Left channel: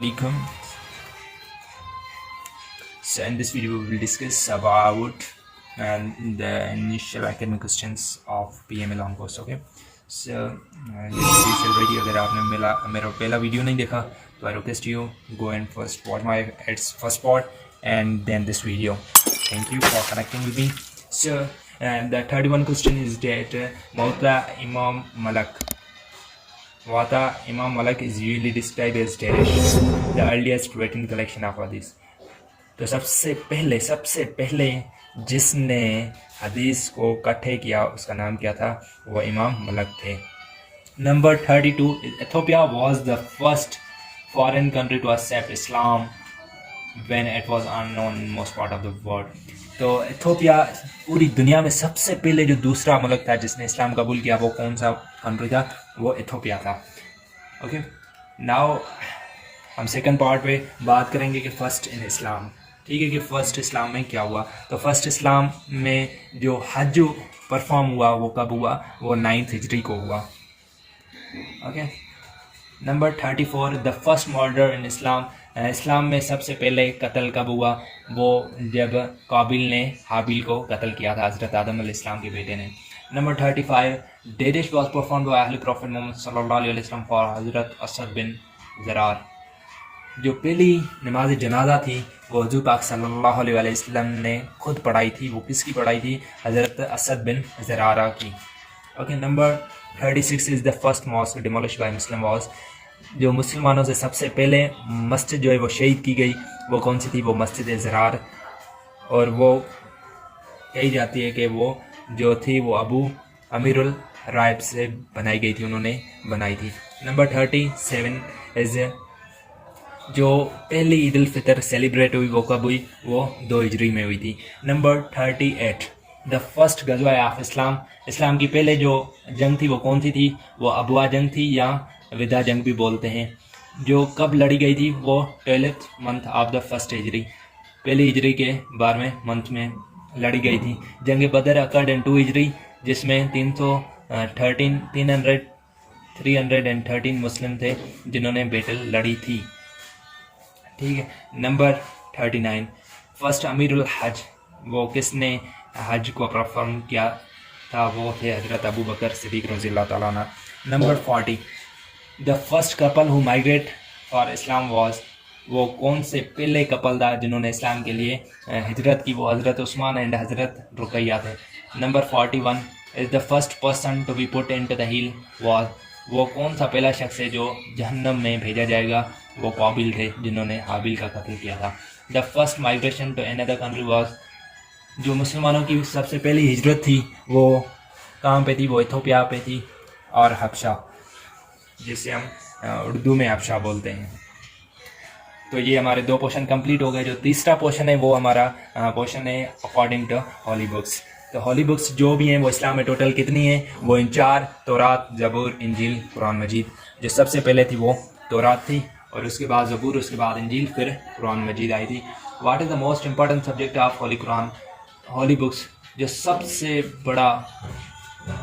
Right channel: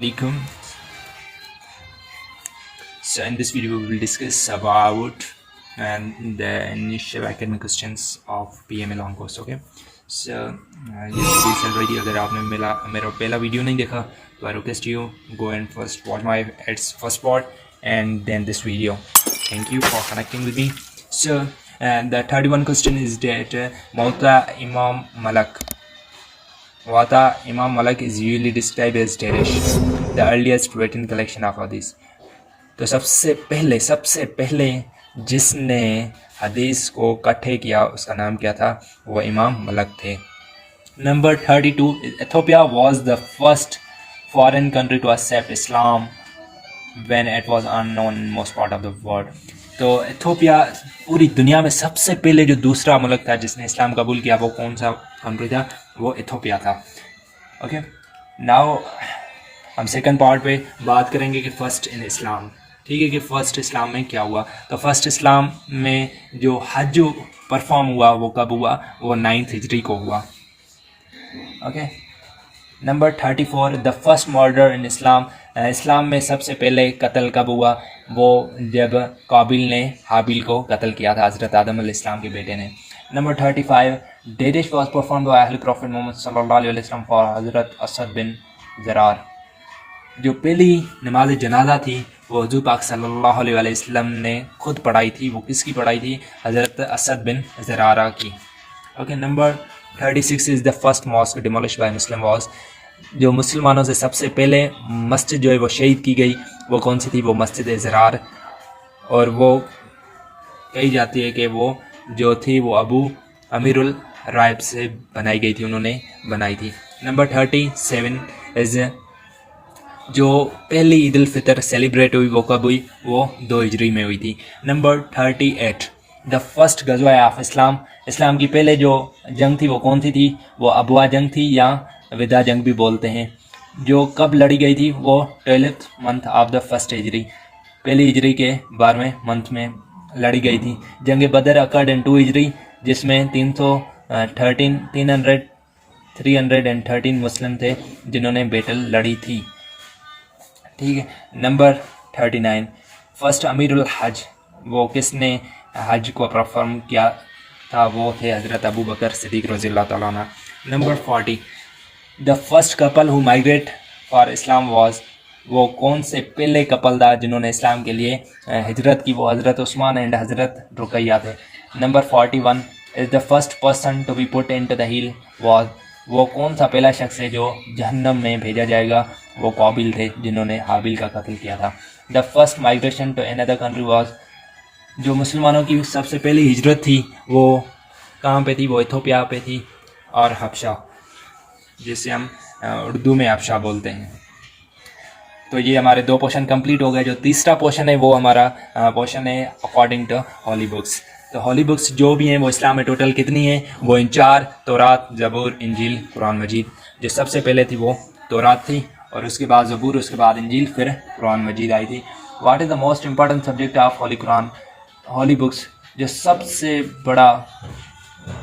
Alaikum. So in this video we will discuss about the initial academic questions of PMA long course. Okay, so ये series already अगर आपने मेरा पहला video नहीं देखा तो I request you go and first watch my first part and then this video. Thank you for connecting with me. So and the 31 question is that Mawta Imam Malak. Wata Imam Malak is usually described as Darish, the earliest written collection of hadith. तो सबसे पहले जिसने हदीस को इकट्ठे किया उसका नाम क्या था? वो इमाम मलक थे. Number 32, Ethiopia was the first foreign country to accept Islam when it was unknown in most part of the world. तो इथियोपिया पूरी दुनिया में सबसे पहले जो दूसरा मुल्क था जिसने इस्लाम कबूल किया वो कौन सा कंट्री था? वो इथियोपिया था. ओके, नाउ हम सेकंड पार्ट पे बात करेंगे कि फ़र्स्ट इन इस्लाम. ठीक है, कि फ़र्स्ट इस्लाम में क्या हुआ. तो फर्स्ट इस्लाम में जो हज जो परफॉर्म हुआ वो कब हुआ? वो 9th हिजरी को हुआ. Okay, number 34, the first murder in Islam. इस्लाम में सबसे पहले कत्ल कब हुआ? वो जब काबिल ने हाबिल को कत्ल किया था, हज़रत आदम अलैहिस्सलाम के बेटे ने. नंबर 35, डेडिश वॉज परफॉर्म बाय अहले प्रॉफिट मोहम्मद सल्लल्लाहु अलैहि वसल्लम फॉर हज़रत असद बिन ज़रार. जो पहली नमाज जनाजा थी वो हुज़ूर पाक सल्लल्लाहु अलैहि वसल्लम ने खुद पढ़ाई थी. वो किसकी पढ़ाई थी? हज़रत असद बिन ज़रारा की. Okay, number 36 is the first mosque demolish by Muslim was. जो मुसलमानों से सबसे पहले मस्जिद जो है वो शहीद की गई वो कौन सी थी? वो मस्जिद ज़रार. और वो कही जाती है कि वो जो थी वो अबू अमीरुल राइब से बनाई गई थी, उन्होंने बनाई थी. नंबर 37 इज़ जो पहली ईद उल फितर सेलिब्रेट हुई वो कब हुई? वो 2 हिजरी में हुई थी. नंबर 38, द फर्स्ट गज़वा ऑफ इस्लाम. इस्लाम की पहले जो जंग थी वो कौन सी थी? वो अबवा जंग थी या विदा जंग भी बोलते हैं. जो कब लड़ी गई थी? वो 12th month of the first हिजरी, पहली हिजरी के 12वें मंथ में लड़ी गई थी. जंग बदर अकर्ड इन 2 हिजरी जिसमें 313 मुस्लिम थे जिन्होंने बैटल लड़ी थी. ठीक है, नंबर 39, फर्स्ट अमीरुल हज. वो किसने हज को परफॉर्म किया था? वो थे हज़रत अबू बकर सिद्दीक़ रज़ियल्लाहु तआला अन्हु. Number 40, the first couple who migrate for Islam was. वो कौन से पहले कपल था जिन्होंने इस्लाम के लिए हिजरत की? वो हज़रत उस्मान एंड हज़रत रुकैया थे. Number 41 is the first person to be put into the hill was. वो कौन सा पहला शख्स है जो जहन्नम में भेजा जाएगा? वो काबिल थे जिन्होंने हाबिल का कत्ल किया था. The first migration to another country was. जो मुसलमानों की सबसे पहली हिजरत थी वो कहाँ पे थी? वो इथियोपिया पे थी और हबशा, जिसे हम उर्दू में हबशा बोलते हैं. तो ये हमारे 2 पोर्शन कंप्लीट हो गए. जो तीसरा पोर्शन है वो हमारा पोर्शन है अकॉर्डिंग टू होली बुक्स. तो होली बुक्स जो भी हैं वो इस्लाम में टोटल कितनी हैं? वो इन 4, तौरात, ज़बूर, इंजील, कुरान मजीद. जो सबसे पहले थी वो तौरात थी और उसके बाद ज़बूर, उसके बाद इंजील, फिर कुरान मजीद आई थी. What is the most important subject of Holi Quran? Holy books जो सबसे बड़ा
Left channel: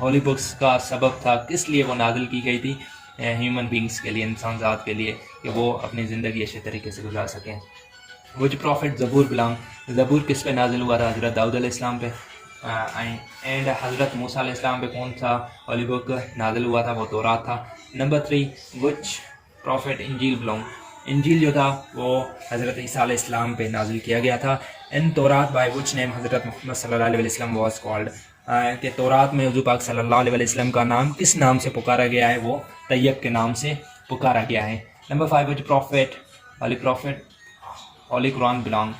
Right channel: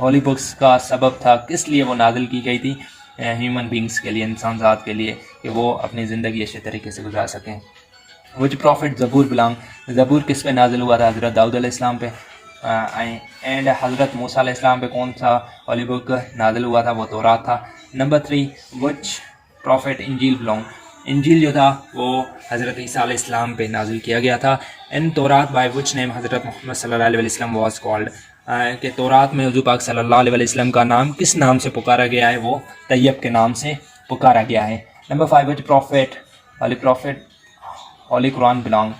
होली बुक्स का सबब था, किस लिए वो नाजिल की गई थी? ह्यूमन बींग्स के लिए, इंसान ज़ात के लिए, कि वो अपनी ज़िंदगी अच्छे तरीके से गुजार सकें. विच प्रॉफिट ज़बूर बिलोंग. ज़बूर किस पे नाजिल हुआ था? हज़रत दाऊद अलैहिस्सलाम पे. एंड हज़रत मूसा अलैहिस्सलाम पे कौन सा होली बुक नाजिल हुआ था? वो तौरात था. नंबर 3, विच प्रॉफिट इंजील बिलोंग. इंजील जो था वो हज़रत ईसा अलैहिस्सलाम पे नाजिल किया गया था. इन तौरात बाय विच नेम हज़रत मोहम्मद सल्लल्लाहु अलैहि वसल्लम वाज कॉल्ड. कि तौरात में हुज़ूर पाक सल्लल्लाहु अलैहि वसल्लम का नाम किस नाम से पुकारा गया है? वो तैयब के नाम से पुकारा गया है. नंबर 5, विच प्रॉफिट होली कुरान बिलोंग.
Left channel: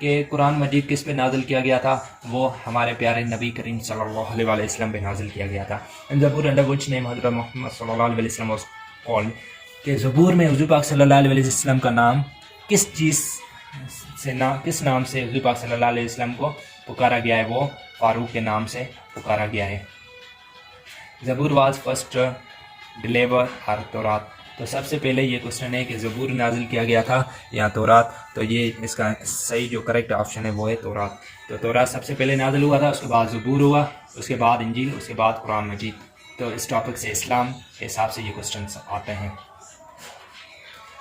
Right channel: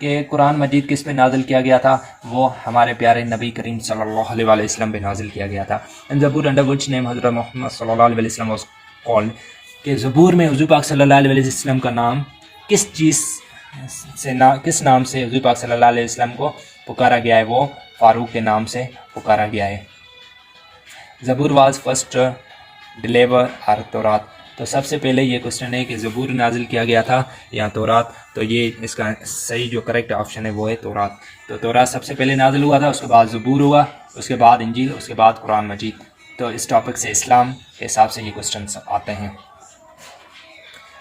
कि कुरान मजीद किस पे नाजिल किया गया था? वो हमारे प्यारे नबी करीम सल्लल्लाहु अलैहि वसल्लम पे नाजिल किया गया था. इन ज़बूर अंडर विच नेम हज़रत मोहम्मद सल्लल्लाहु अलैहि वसल्लम वाज कॉल्ड. कि ज़बूर में हुज़ूर पाक सल्लल्लाहु अलैहि वसल्लम का नाम किस चीज़ से किस नाम से हुज़ूर पाक सल्लल्लाहु अलैहि वसल्लम को पुकारा गया है? वो फारूक के नाम से पुकारा गया है. ज़बूर वाज फर्स्ट डिलीवर आर तौरात. तो सबसे पहले ये क्वेश्चन है कि ज़बूर नाजिल किया गया था या तौरात. तो ये इसका सही जो करेक्ट ऑप्शन है वो है तौरात. तो तौरात सबसे पहले नाजिल हुआ था, उसके बाद ज़बूर हुआ, उसके बाद इंजील, उसके बाद कुरान मजीद. तो इस टॉपिक से इस्लाम के हिसाब से ये क्वेश्चन आते हैं.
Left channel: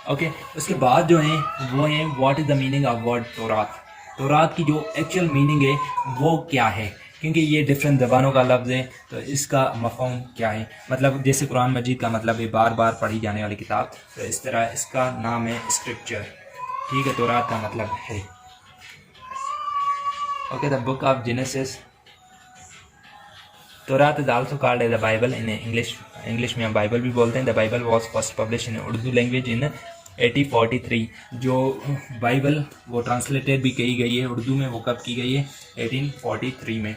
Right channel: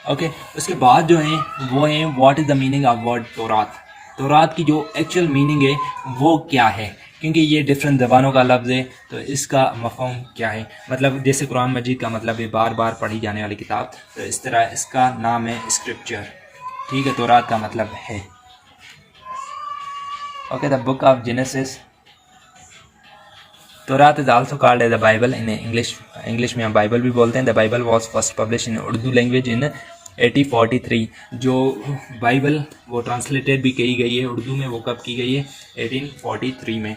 ओके, उसके बाद जो है वो है what is the meaning of word तौरात। तौरात की जो एक्चुअल मीनिंग है वो क्या है, क्योंकि ये डिफरेंट ज़बानों का लफ्ज़ है, तो इसका मफ़हूम क्या है। मतलब जैसे कुरान मजीद का मतलब है बार बार पढ़ी जाने वाली किताब, तो इस तरह इसका नाम है स्क्रिप्चर। ठीक है, तौरात का मतलब है। Okay, the book of Genesis. तौरात is also called as the Bible in English में हम बाइबल भी बोलते हैं। The Bible was first publish in Urdu language in 1843। जो बाइबल वो ट्रांसलेटेड भी की गई है उर्दू में, वो कब की गई है? 1843 में।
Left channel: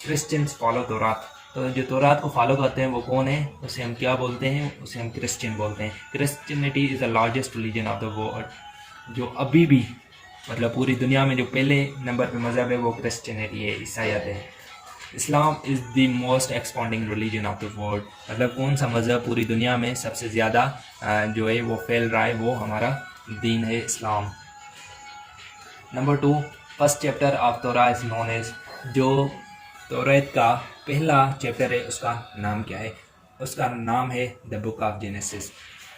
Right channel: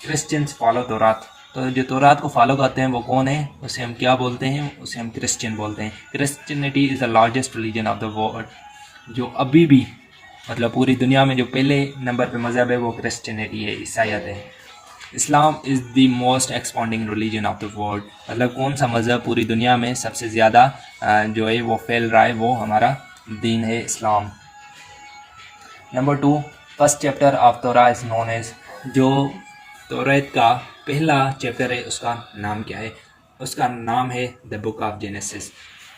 क्रिश्चियंस फॉलो तौरात। तो जो तौरात को फॉलो करते हैं वो कौन है? उसे हम क्या बोलते हैं? उसे हम क्रिश्चियन बोलते हैं। Christianity is the largest religion of the world. जो अभी भी मतलब पूरी दुनिया में जो पहले नंबर पे मज़हब है वो क्रिश्चियनिटी है, ईसाईयत है। Islam is the most expanding religion of the world. मतलब कौन सा मज़हब पूरी दुनिया में सबसे ज़्यादा जो है वो फैल रहा है, वो हमारा दीन है इस्लाम। नंबर 2, फर्स्ट चैप्टर ऑफ तौरा इज़ नोन एज। जो तौरात का पहला चैप्टर है उसका नाम क्या है? उसका नाम है द बुक ऑफ जेनेसिस।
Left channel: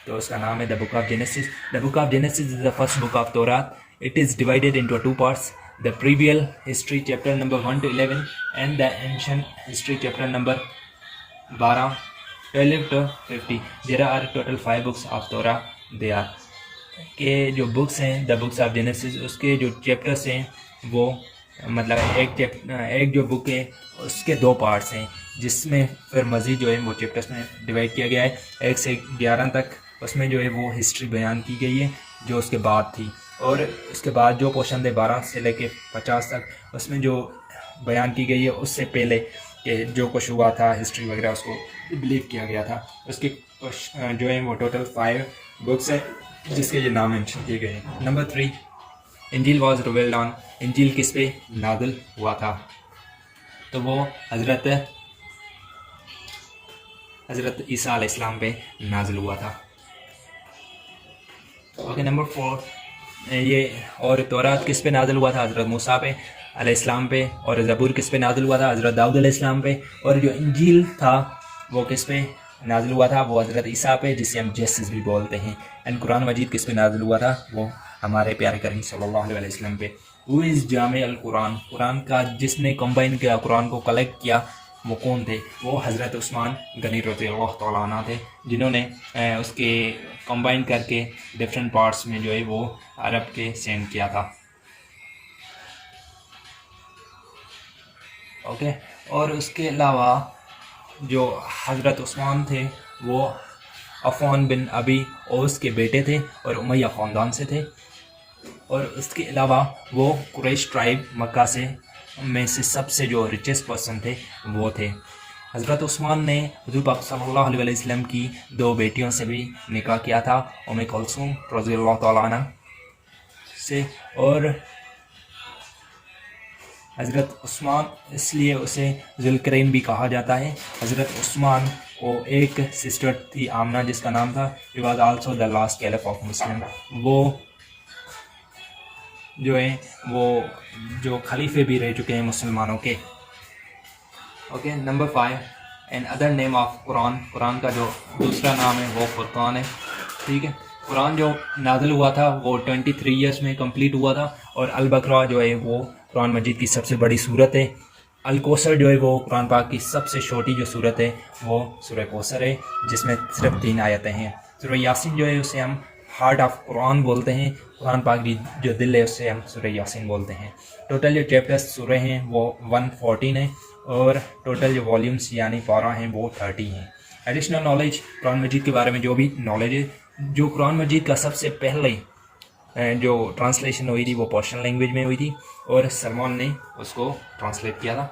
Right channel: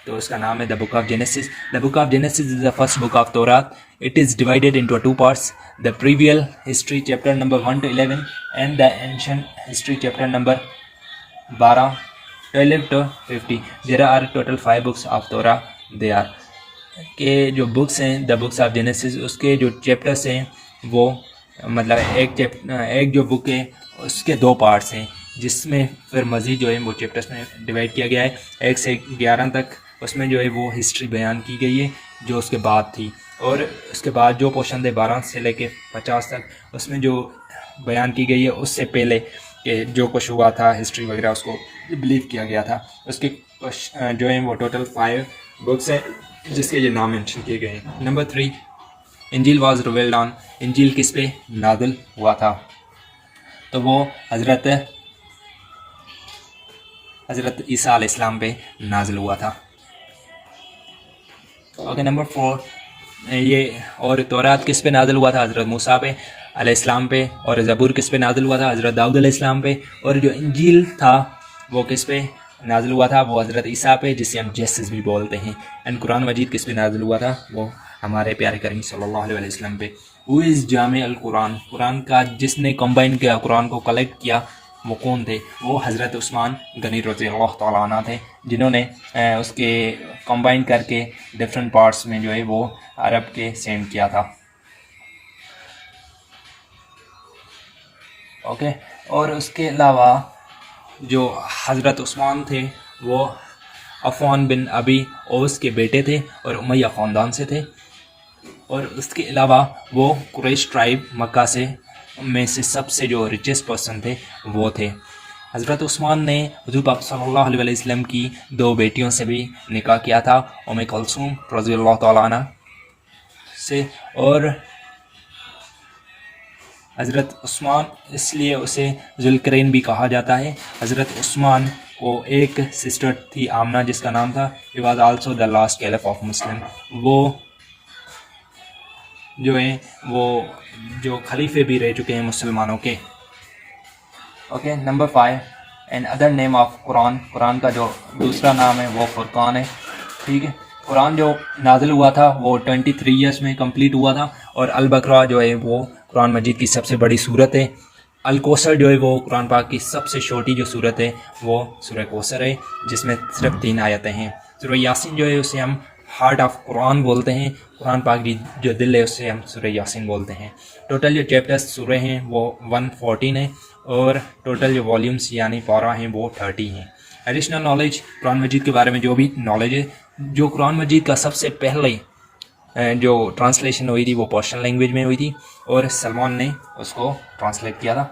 तो उसका नाम है the book of genesis. The book of genesis is the first book of Taurat. It is divided into two parts: the previous history chapter number 1 to 11 and the ancient history chapter number 12, 12 to 50. There are total 5 books of Torah. They are के जो books हैं the books of genesis, उसके जो chapters हैं वो मतलब एक जो बुक है उसके 2 पार्ट्स हैं, जिसमें फिर मज़ीद जो है वो चैप्टर्स में डिवाइड किया गया है 1 से 11 तक। उसमें जो है वो हिस्ट्री बयान की गई है जो उसके बाद थी, और उसके बाद जो पोर्शन थे 12 से लेके 50 तक, उसमें जो बयान की गई है उससे पहले कि जो कुछ हुआ था हिस्ट्री वगैरह उसको बिलीव किया गया था। उसके जो है वो टोटल 5 बुक्स हैं जिसके ये नाम मेंशन किए गए हैं। नंबर 3, इंजील वाज रिवील्ड ऑन। इंजील किस पे नाज़िल हुआ था? तो वो हज़रत ईसा अलैहिस्सलाम पे नाज़िल हुआ था। ओके, नंबर 4, ये और तौरात किस पे नाज़िल हुआ था? हज़रत मूसा पे अलैहिस्सलाम पे। और ज़बूर किस पे नाज़िल हुआ था? हज़रत दाऊद अलैहिस्सलाम पे। और जो इंजील था वो किस पे नाज़िल हुआ था? वो हज़रत ईसा पे, जिसे हम जेसस भी बोलते हैं। एंड कुरान मजीद किस पे नाज़िल हुआ था? वो हमारे प्यारे करीम सल्लल्लाहु अलैहि वसल्लम पे। हु इज़ जामे अल कुरान। कुरान का जिसने कंबाइन किया, कुरान को कलेक्ट किया, वो कौन थे? वो हज़रत उस्मान गनी रज़ियल्लाहु तआला अन्हु थे, जिन्होंने उसके कंबाइन करके डिफरेंट पार्ट्स में जो है वो अरब के सेंड किया था। ओके, और उसके अलावा जो हज़रत उस्मान थे वो अफ़ान बिन अबी ओस के बेटे थे और उमैया ख़ानदान से थे। और उसके अलावा वो कुरैश ट्राइब मक्का से में से सबसे जो रिचेस्ट पर्सन थे वो थे। हज़रत उस्मान ने हुज़ूर पाक सल्लल्लाहु अलैहि वसल्लम की 2 बेटियों से भी निकाह किया था, उम्मे कुलसूम रज़ियल्लाहु तआला अन्हा से। और हज़रत उस्मान, इसलिए उसे ज़ुल्करैन भी कहा जाता है। हज़रत उस्मान को एक सिस्टर थी आमना, जिसका नाम था, he was also the last caliph of Muslim. वो जो है वो जो खलीफे भी रह चुके हैं मुसलमानों के। Okay, number 5, and other name of Quran. Quran का जो दूसरा नाम है वो फुरकान है। ठीक है, कुरान जो नाज़िल हुआ था वो 23 ईयर्स में कंप्लीट हुआ था। और अल बकरा जो है वो कुरान मजीद की सबसे बड़ी सूरत है। अल कौसर जो है वो कुरान पाक की सबसे छोटी जो सूरत है वो सूरह कौसर है, जिसमें सिर्फ 3 आयतें हैं। सूरह यासीन जो है उसे हम हार्ट ऑफ कुरान बोलते हैं। कुरान पाक की जो दिल है उससे हम सूरह यासीन बोलते हैं। टोटल जो चैप्टर्स सूरह हैं वो 114 है, और टोटल जो वॉल्यूम्स यानी पारा हैं वो 30 हैं। एडिशनल नॉलेज, कुरान मजीद के बारे में जो भी नॉलेज है, जो कुरान मजीद का सबसे पहले जो ट्रांसलेशन हुई थी वो पर्शियन लैंग्वेज में हुई थी, और सलमान ने उसको ट्रांसलेट किया था।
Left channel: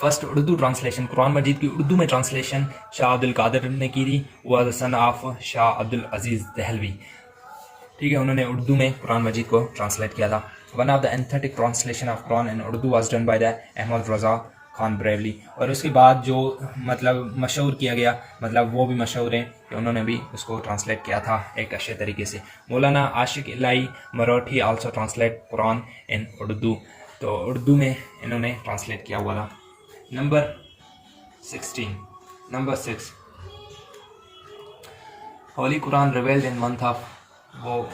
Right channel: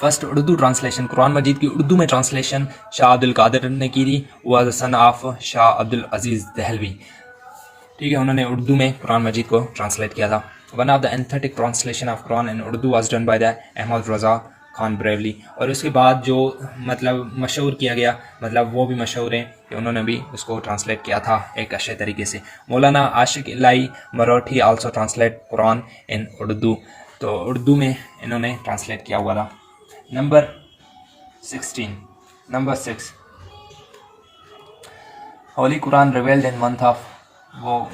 फर्स्ट उर्दू ट्रांसलेशन, कुरान मजीद की उर्दू में ट्रांसलेशन शाह अब्दुल कादिर ने की थी। वह सन ऑफ शाह अब्दुल अजीज़ दहलवी। ठीक है, उन्होंने उर्दू में कुरान मजीद को ट्रांसलेट किया था। One of the authentic translation of Quran in Urdu was done by the Ahmad Raza Khan Barelvi. और उसके बाद जो मतलब मशहूर किया गया, मतलब वो भी मशहूर हैं कि उन्होंने भी उसको ट्रांसलेट किया था एक अच्छे तरीके से। मौलाना आशिक इलाही Marathi also translate Quran in Urdu. तो उर्दू में इन्होंने ट्रांसलेट किया हुआ था। Number 6, Holi Quran revelled in month of, वो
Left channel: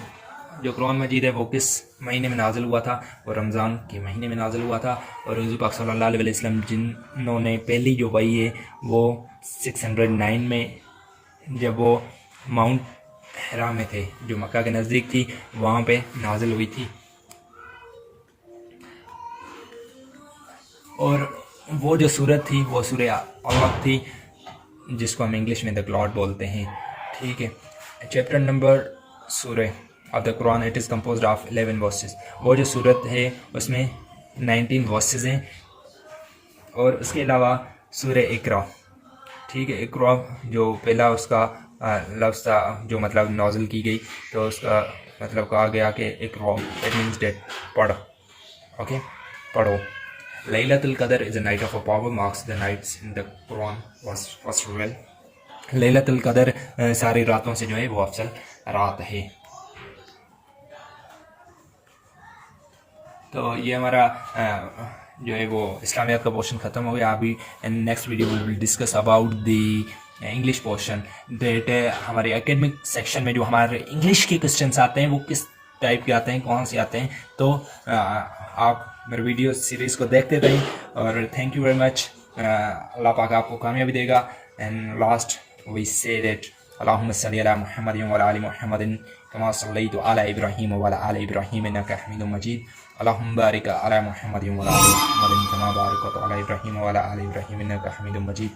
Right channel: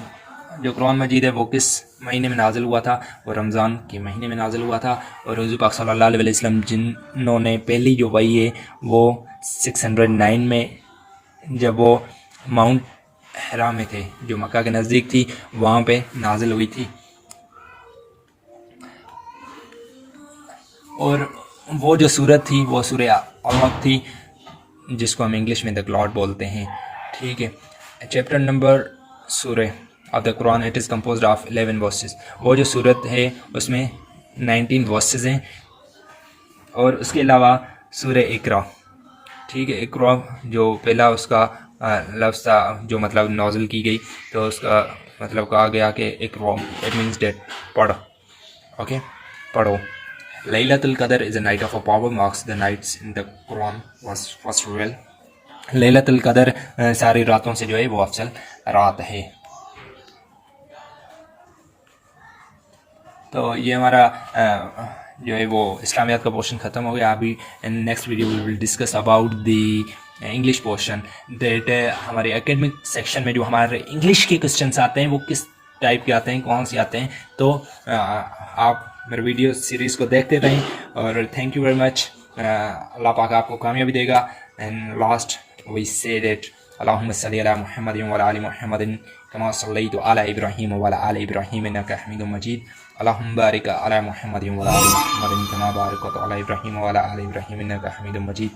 जो कुरान मजीद है वो किस महीने में नाजिल हुआ था? वो रमज़ान के महीने में नाजिल हुआ था। और हुज़ूर पाक सल्लल्लाहु अलैहि वसल्लम जिन्होंने पहली जो वही है वो 609 में जब वो माउंट हरा में थे, जो मक्का के नज़दीक थी, वहाँ पे नाजिल हुई थी। और वो जो सूरत थी वो सूरह अलक़ थी, जिसको हम इंग्लिश में द क्लॉड बोलते हैं। ठीक है, चैप्टर नंबर सूरह of the Quran, it is composed of 11 versus. वो जो सूरत है उसमें 19 वर्सेस हैं। और उसके अलावा सूरह इकरा, ठीक है, इकरा जो पहला उसका लफ्ज़ था, जो मतलब नाज़िल की गई, तो उसका मतलब कहा गया कि इकरा, इट मीन्स डेट, पढ़ो। ओके, पढ़ो। Laylatul Qadr is a night of a power, marks the nights in the Quran was first revealed. Lailatul कदर सारी रातों से जो है वो अफजल रात है। तो ये हमारा जो है वो इस्लामियात का पोर्शन ख़त्म हो गया। अभी next video we will discuss about the English portion, that हमारे एकेडमिक सेक्शन में जो हमारे इंग्लिश के क्वेश्चंस आते हैं वो किस टाइप के आते हैं, कौन से आते हैं। तो आप मेरे वीडियो सीरीज़ को देखते रहें और thank you very much. Allah पाक आपको कामयाबी देगा। And last we say that अल्लाहुम्मा सल्ली अला मुहम्मदिन व अला आलि मुहम्मदिन कमा सल्लैतु अला इब्राहीम व अला आलि इब्राहीम इन्नका हमीदुम मजीद। अल्लाहुम्मा बारिक अला मुहम्मदिन व अला आलि मुहम्मदिन कमा बारकत अला इब्राहीम व अला आलि इब्राहीम इन्नका हमीदुम मजीद।